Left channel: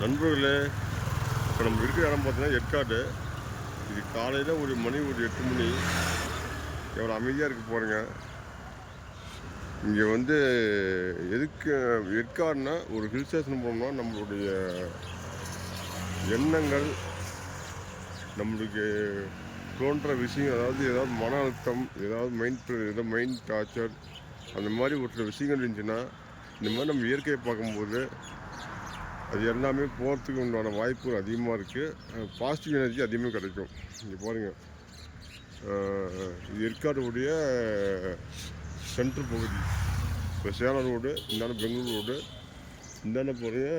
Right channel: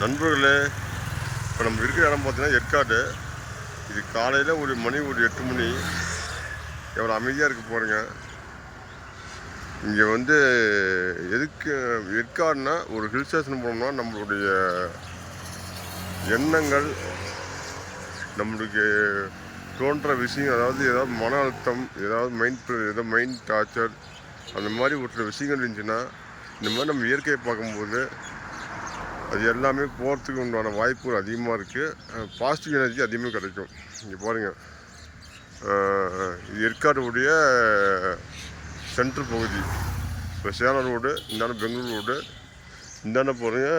நண்பர்களே இப்போ நம்ம இருக்கிற இடம் பார்த்தீங்கன்னா ஏற்காடு. இது காலையில் ஒரு மணி ஒரு எட்டு மணி. எவ்வளோ அமைதியாக இருக்க போகிறேங்க இங்கே வந்து எதுக்கு ஏற்காடுனா ஒரு ஹில் ஸ்டேஷன் போனோம்னா நம்மளுடைய எண்ணங்கள் நம்மளுக்கு தோன்ற விஷயம் அதாவது ஏதாவது மன அழுத்தம் ஏதாவது மைண்ட் ஏதாவது மைண்ட் டார்ச்சர் அந்த மாதிரி ஒரு சில விஷயங்கள் இருந்துச்சுன்னா இந்த மாதிரி நம்ம இயற்கையை பார்க்கும்போது அது எல்லாமே போகிறதுக்கு உண்டான வாய்ப்புகள் அதிகமாக இருக்குது பாசிட்டிவ் எனர்ஜி அதிகமாக கிடைக்கும். இங்கே பாருங்கள் இது ஏற்காடுடைய சென்ட்ரு பகுதி. இப்போ சேலம் ரோடு இந்தாண்ட பெங்களூர் ரோடு இந்தாண்ட போகிறீங்க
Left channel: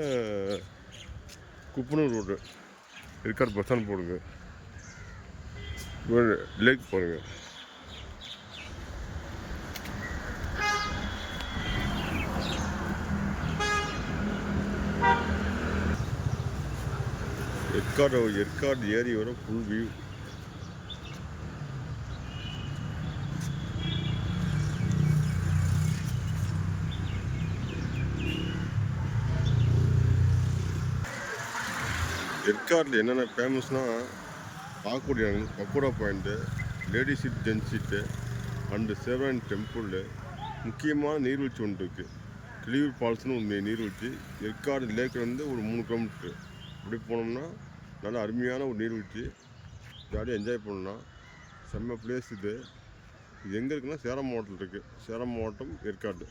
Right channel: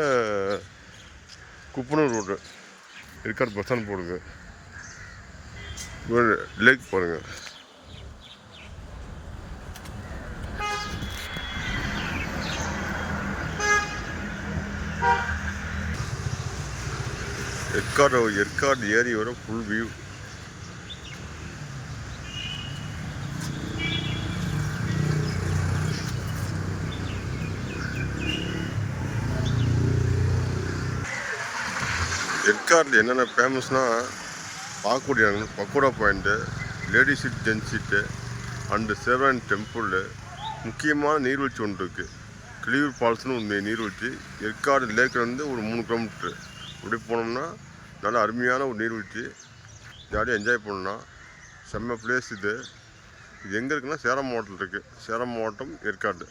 Kuppanur road. Yercaud bus stand போடுங்க. லேக் பாருங்கள் ஏற்காடு ஏற்காடு வர ஃபுல் வியூ ஏற்காடில் என்னென்ன ஃபேமஸ்னால் பார்க்கக்கூடிய pagoda point ladies seat gents seat and சேவன் temple முக்கியமான நீர்வீழ்ச்சி ஒன்று இருக்குது கிளியூர் ஃபால்ஸ்னு ஒன்று நீர்வீழ்ச்சி. ஏற்காடு இருந்து ஒரு மூணு கிலோமீட்ரு அப்படி போனோம்னா நல்ல அருமையான ஒரு நீர்வீழ்ச்சி. ஜாலியாக என்ஜாய் பண்ணலாம். செம்ம பிளேஸ் இது. இது எங்கே இருக்குன்னா சேலம் மாவட்டத்தில் இருக்குது சேலம் மாவட்டம் ஏற்காடு.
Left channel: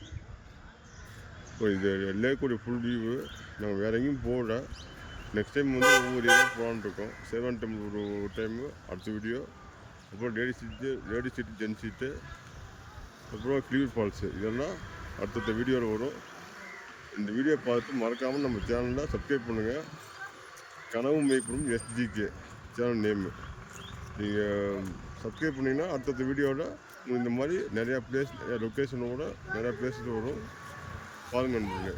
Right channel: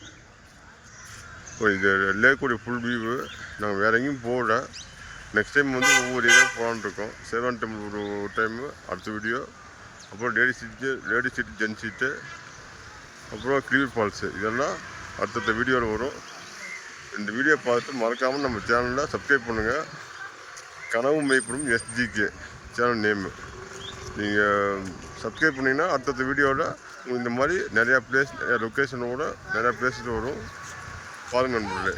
இப்போ இது லேக்குடைய ஃபுல் வியூவு நாங்கள் வேறு எங்கேயும் போகல. நெக்ஸ்ட் டைம் வந்து ஒவ்வொரு ஏரியா போகலான்னு இருக்கோம். சேவன் டெம்பிள் ஒரு டைமு அடுத்த வீடியோ அப்புறம் ladies seat lady seat gents seat அப்புறம் கிளியூர் ஃபால்ஸு இதெல்லாம் அடுத்தடுத்த வீடியோவில் வரும். இந்த வீடியோ பார்த்துட்டு மறக்காமல் நம்ம சேனலில் சப்ஸ்கிரைப் பண்ணுங்கள் கனவு மெய்ப்படும் எஸ்ஜிகே சேனல் நேமு நீங்கள் சப்ஸ்கிரைப் பண்ணிங்கன்னா அடுத்தடுத்த வீடியோவில் உங்களுக்கு இந்த மாதிரி நிறையா பிளேஸ் நிறையா லொக்கேஷனோட நிறையா பிளேஸஸ் வரும். பாருங்கள் நண்பர்களே.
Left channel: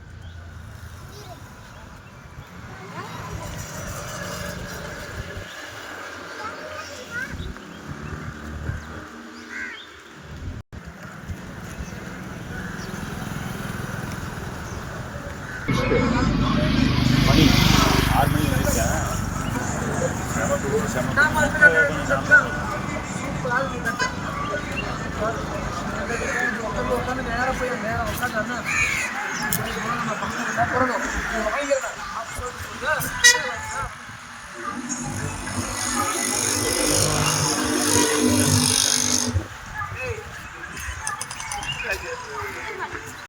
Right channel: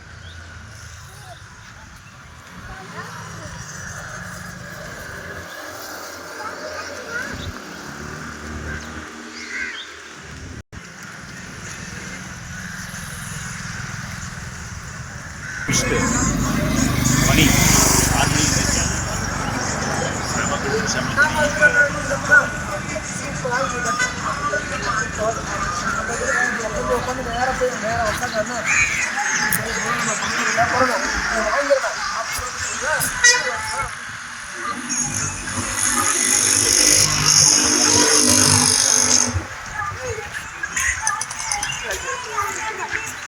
மணி Kalau kita